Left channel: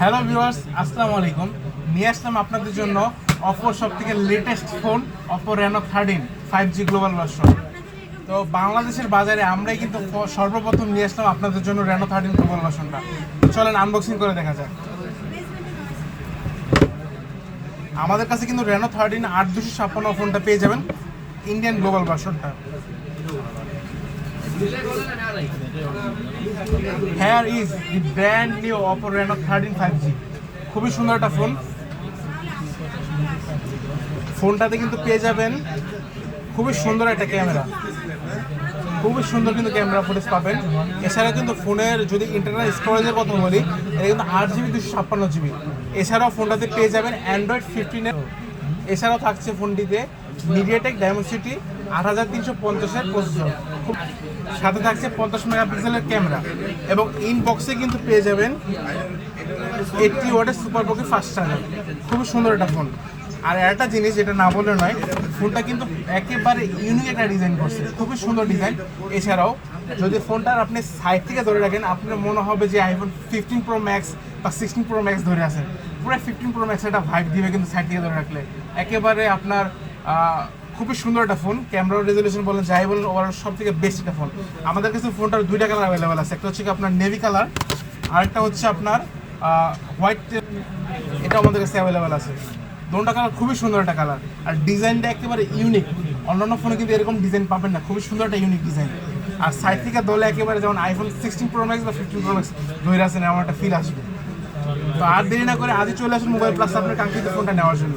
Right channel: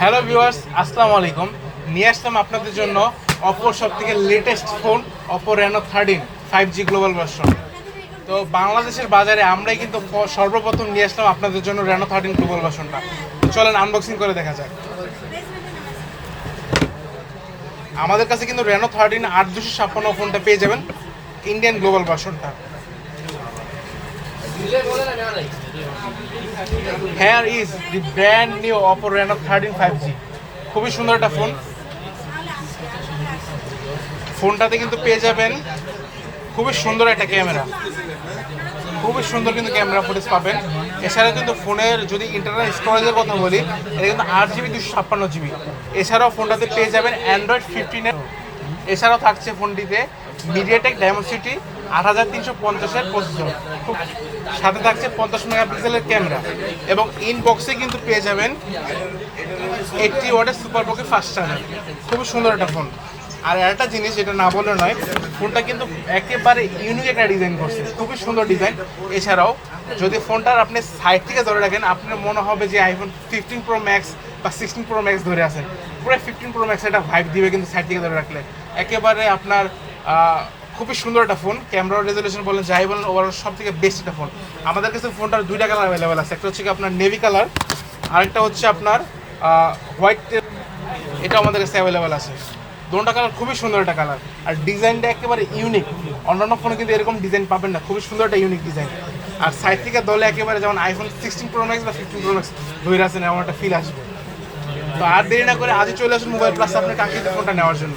Hello viewers, আসসালামু আলাইকুম। নিয়ে আসলাম আপনাদের জন্য অপোর সব থেকে latest phone Oppo Reno 13 5G global version. তো বাংলাদেশের বাজারে আমরাই কিন্তু সর্বপ্রথম নিয়ে আসলাম আপনাদের জন্য রেনো 13 গ্লোবাল ভার্সনটা। চলেন আনবক্সিং করে দেখা যাক। আমাদের কাছে কিন্তু রেনো 13 8256 ফোনটা পেয়ে যাবেন, ইন্ডিয়ান গ্লোবাল ভার্সনটা। Here is the brand new Oppo Reno 13 5G। খুবই সুন্দর একটা ফোন। ফোনটাতে কিন্তু পেয়ে যাবেন খুবই সুন্দর একটা ক্যামেরা, খুবই সুন্দর কিন্তু ক্যামেরা ফুটেজ পাবেন। এছাড়া কিন্তু ফোনের যদি ইন্টারনাল স্টোরেজের কথা বলি, এটা কিন্তু 8GB 256GB। এছাড়াও ফোনটাতে পেয়ে যাবেন অ্যান্ড্রয়েড 15 এছাড়াও থাকছে ফোনটিতে মিডিয়াটেক ডায়মন্ডসিটি 8350-এর প্রসেসর, সাথে থাকছে 50 মেগাপিক্সেলের ক্যামেরা এবং ইনবক্সে কিন্তু পেয়ে যাবেন 80 ওয়াটের সুপার বকি ফাস্ট চার্জার। খুবই সুন্দর একটা ফোন। আর একটা জিনিস যেটা না বলে নয়, ফোনটা কিন্তু একেবারে ইউনিক একটা ডিজাইন করছে, খুবই সুন্দর ডিজাইন। এছাড়াও যদি ফোনটার আপনি সাইড থেকে ধরে রাখেন, আপনার মনে হবে যে আইফোন 15 প্রো ম্যাক্স বা 16 প্রো ম্যাক্স ধরে আছে। পুরো 15 প্রো ম্যাক্স একটা ভাইব দিবে কিন্তু সাইড থেকে ধরে রাখলে। একেবারে আপনার খুবই সুন্দর একটা ফোন। ক্যামেরা রেজলিউশন বলেন, যাই বলেন, ওভারঅল সব থেকে বেস্ট একটা ফোন। আমাদের কাছে ফোনটার দুইটা কালার অ্যাভেলেবেল আছে, একটা হচ্ছে আপনার নেভি কালার, আরেকটা হচ্ছে আপনার হোয়াইট। এটা আমাদের কাছে অ্যাভেলেবেল আছে। দুটো কালার খুবই সুন্দর একটা কালার, আর ডিজাইনটা একেবারে ইউনিক। অন্যান্য ফোনে কিন্তু এরকম ডিজাইন পাবেন না, খুবই সুন্দর একটা ইউনিক ডিজাইন। আর সাইড থেকে দলে একেবারে যেমন আইফোন 16 প্রো ম্যাক্স বা 15 প্রো ম্যাক্স ধরে আছেন, এমন একটা ফিল আসবে। তো আর দেরি না করে আজই চলে আসুন মোবাইল প্লাস আপনার কাঙ্ক্ষিত ফোনটা নেওয়ার জন্য।